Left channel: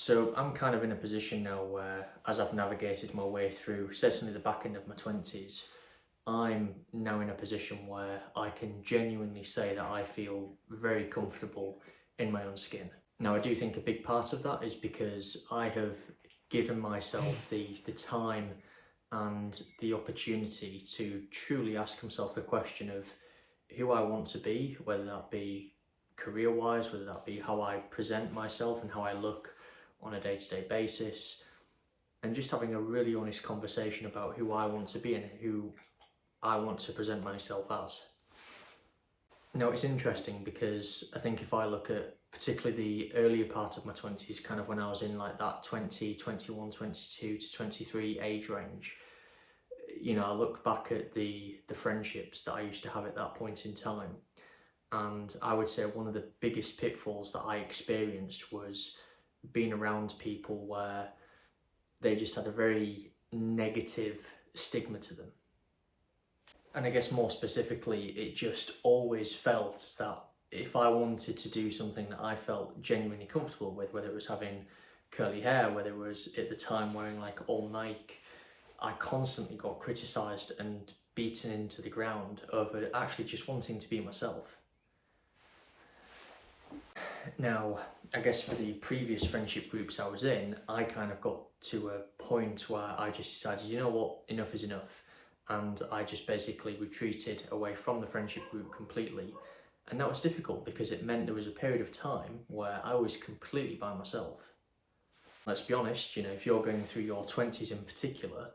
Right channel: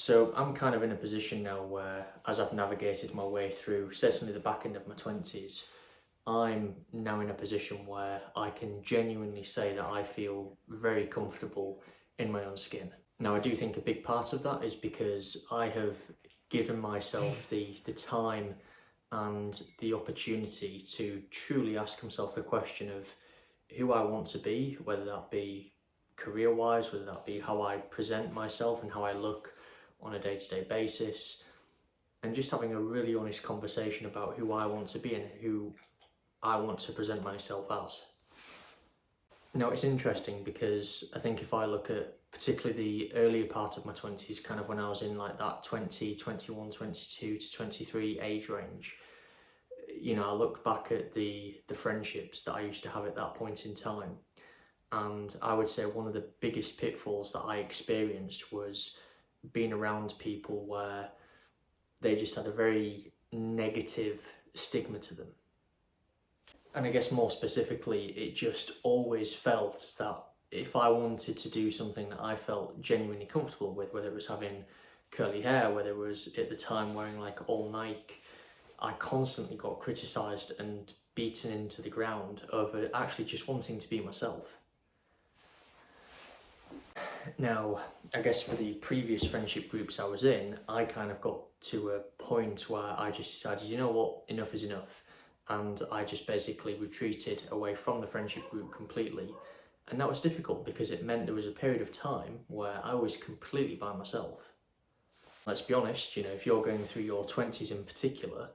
So I'm kind of in a position now where, as I've navigated my way through, certainly the back end of my 20s, I'm now in a position where I can genuinely say that I feel very comfortable in my own skin. Now, I do think a big part of that is because I have given myself the time and the opportunity to truly ask myself the question of who I want to be, whether that be career-wise, whether that be how I present myself and how I look on a day-to-day basis, and just having a really honest conversation about who I want to be and who I want to present myself as. Now, it's interesting because I think if I look at particularly the earlier part of my 20s, kind of when I was in like that 20, 21, 22 to 23 age range, I look back at the friendships that I used to have at that point in time, and I would say one of the biggest pitfalls that I experienced was being around people where they just had a very negative stigma to them. And I guess more specifically, it just always felt that if I wanted to do something that I felt genuinely comfortable with, whether it was having curly hair, whether it was at the time wearing like all Nike, I constantly got criticised and beaten into the ground over actually just wanting to be myself. Now, I guess for the previous friendship groups I was in, I kind of got to a point where I just decided, you know what, enough is enough. And I just basically retreated away from the friendship group completely. And that was difficult because it meant there was a period of time where I was completely by myself. Let's be honest, if you're going through your 20s in particular,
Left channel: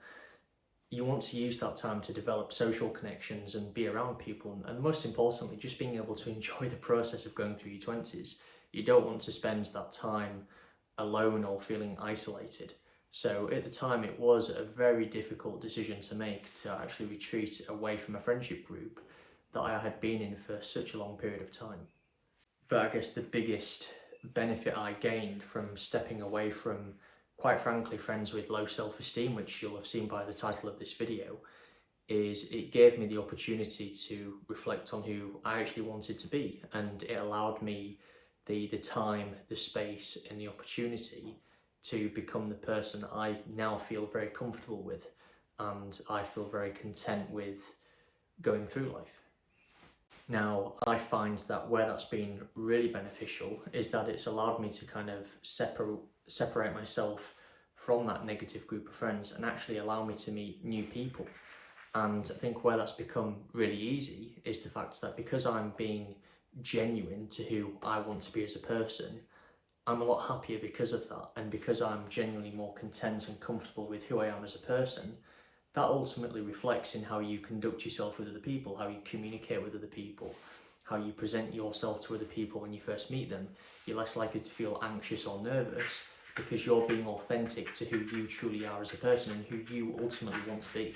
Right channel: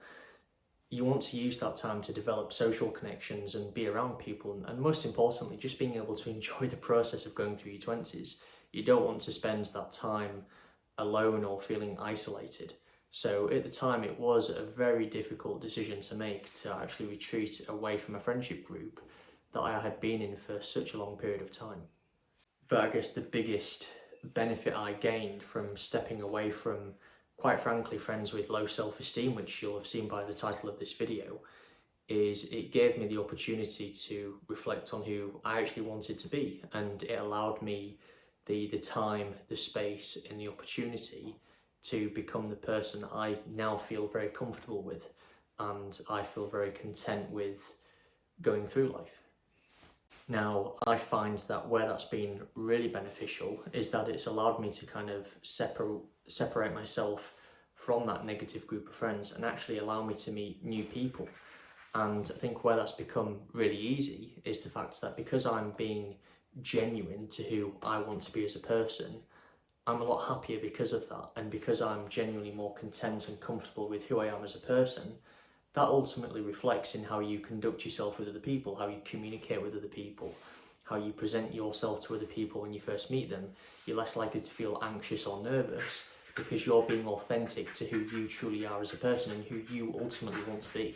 you want to use that time to develop social connections and be around people. And most importantly, just being able to enjoy the process of going through your 20s. You don't want to spend that time alone or feeling isolated. So at the time, it was a very difficult decision to make to actually retreat away from a friendship group that I had been in for such a long period of time. But I guess the biggest benefit I gained from stepping away from, quite frankly, friends with low self-esteem, which you'll have seen by the title of this video, is it gave me the opportunity to reflect on who I actually wanted to be, and it allowed me the time, the space and the opportunity to become the person that I now feel very comfortable with, and I feel very content with going through life. Now, I find that where that's been really beneficial is that it's allowed me to kind of separate myself from that negative group of friends and actually allow me to meet new people. And I think where that's become really easy is the fact that because I'm being genuine to who I want to be as a person, I'm a lot happier because of that. And because I'm genuinely more content and comfortable with who I am as a person, that ultimately reflects in how you conduct yourself with other people, how you communicate with other people, how you present yourself to other people when you first meet them. You're less likely to feel anxious or nervous because you're being authentic to who you truly are as a person and who you ultimately want to be.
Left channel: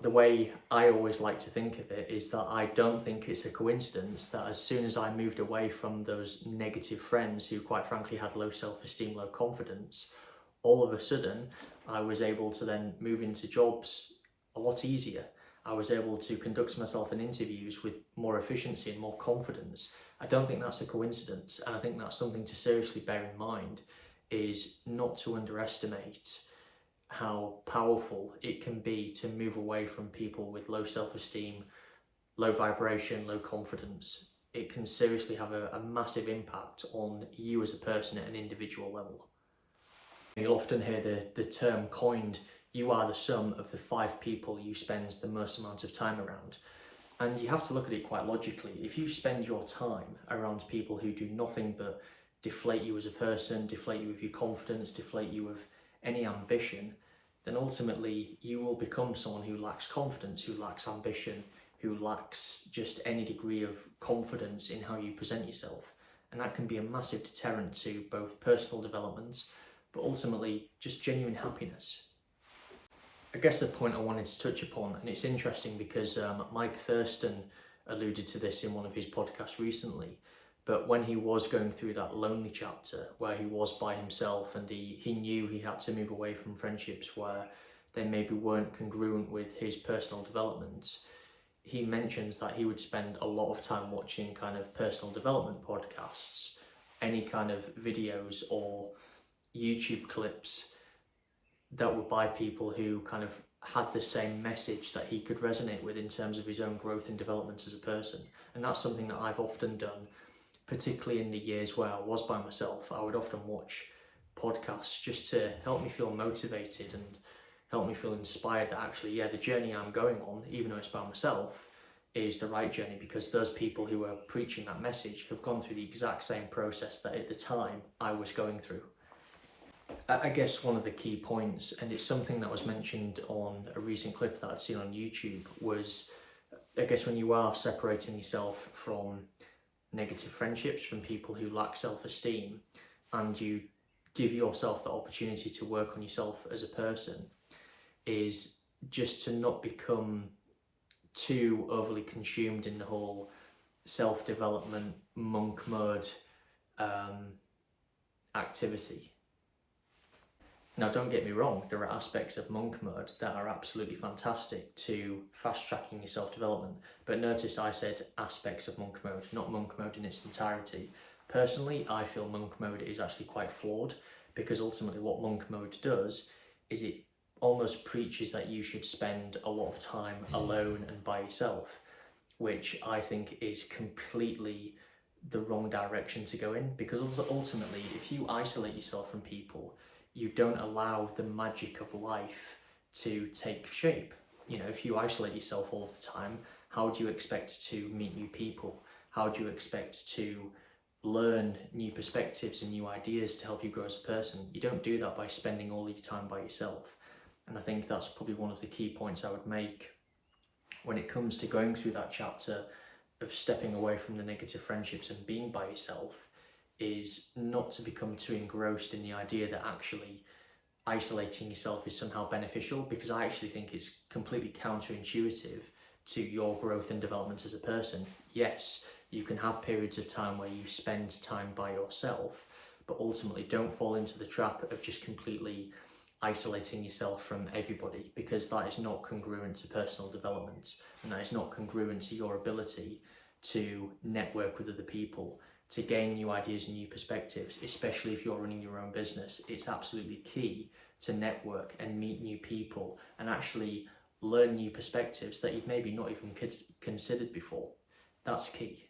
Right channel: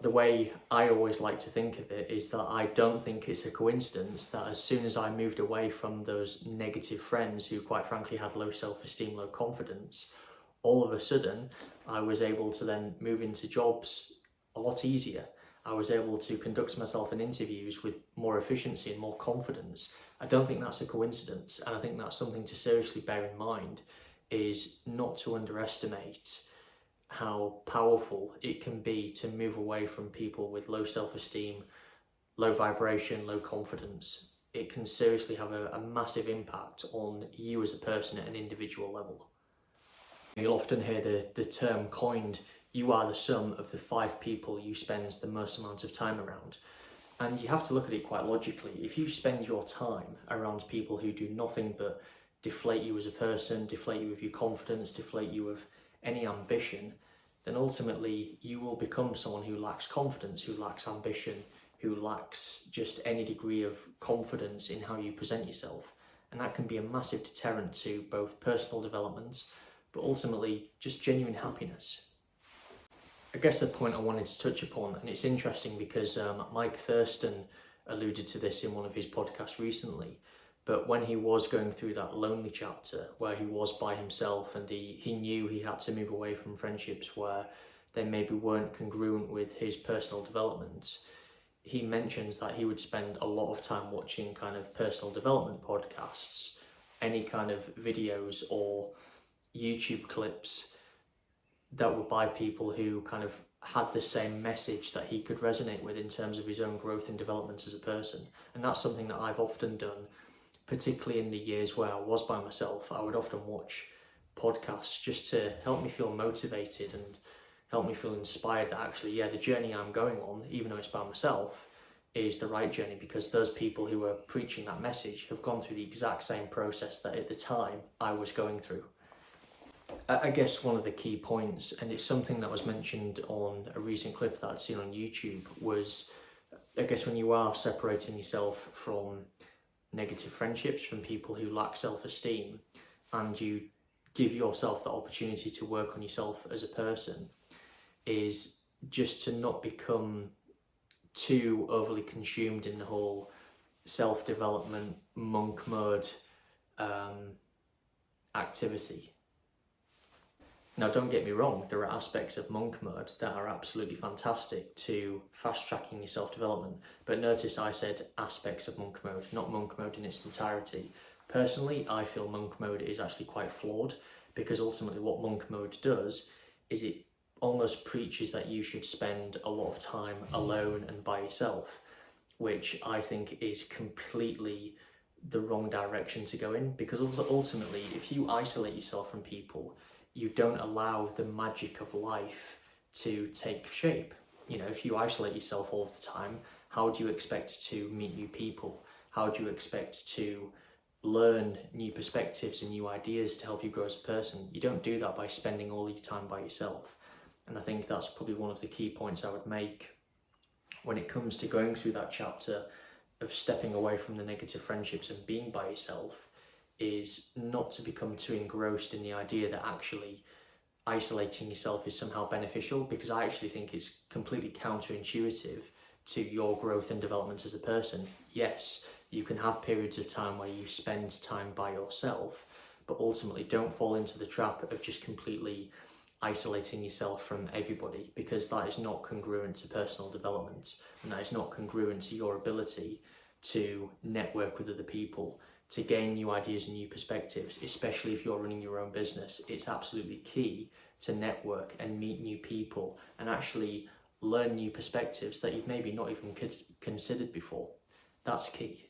The way I always like to think of it is that I don't think it's a coincidence that as soon as I moved away from those negative friends who quite frankly had low self-esteem, low confidence, all of a sudden I was able to then move into jobs a lot easier. I was able to conduct myself in interviews with more efficiency and more confidence. I don't think that's a coincidence, and I think that's something to seriously bear in mind, is not to underestimate how powerful it can be to move away from people with low self-esteem, low vibration, low confidence. It can seriously have a massive impact on you as a person at an individual level. You'll often hear the term coined, you are the sum of the 5 people you spend the most amount of time around. And you have to look at it quite logically. If you spend your time around people who do nothing but deflate you as a person, deflate you with your confidence, deflate you with any ambition, then ultimately you will become someone who lacks confidence, who lacks ambition, who lacks just any degree of confidence in how you present yourself. And that can be a massive deterrent to both personal developments, but ultimately just genuine happiness. I guess the point I wanted to touch upon, and it's interesting because Mike Thurston alluded to this in one of his podcasts recently, but when he was going through that lonely chapter where he was by himself and he knew he had to move away from friendships where they maybe weren't congruent with his personal development, he mentions that he would spend a lot of time watching kind of personal development podcasts, any kind of videos or YouTube clips that were by people who kind of had the same message that he could resonate with in terms of his own growth and development as a person. And that's something that I've often done, particularly in the years where I was by myself. I would often watch podcasts just to help me feel motivated and help me feel inspired that actually, yeah, the journey I'm going on, even though it's by myself, is the right journey, because those people who are preaching that message have gone through the exact same process that at the time I was going through. I guess one of the key points, and it's something that was mentioned on a recent clip that I'd seen on YouTube, was I guess when you are separating yourself from negative friendships, from people who lack self-esteem, and you give yourself the opportunity to work on yourself as a person, is just to not become too overly consumed in the whole self-development monk mode activity. Now, don't get me wrong, there are aspects of monk mode that are absolutely fantastic to fast-tracking your self-development, but notice I said aspects of monk mode, not monk mode in its entirety. Personally, I feel monk mode is actually quite flawed, because ultimately what monk mode does is it almost preaches that you should spend a lot of time alone and by yourself, which I think is completely the wrong direction to go in, because ultimately if you isolate yourself from people, you don't allow the magic of life to take shape. You know, if you isolate yourself all the time, how do you expect to meet new people? How do you expect to learn new perspectives and new ideas to help you grow as a person? You don't do that by spending all your time by yourself. And I think that's probably one of the key points I would make when it comes to going through that chapter of stepping away from the negative friendships and being by yourself, is not to become too engrossed in the idea that actually isolating yourself is somehow beneficial, because I actually think it's completely counterintuitive to your growth and development as a person. Yes, you can have periods of time where you spend time by yourself, but ultimately don't fall into the trap of just completely isolating yourself from everybody, because that is not congruent to personal development, and that is not congruent to your ability to network with other people, to gain new ideas and new perspectives, especially if you're running your own business. It's absolutely key to network and meet new people and actually learn new perspectives that you've maybe not even considered before. That's key.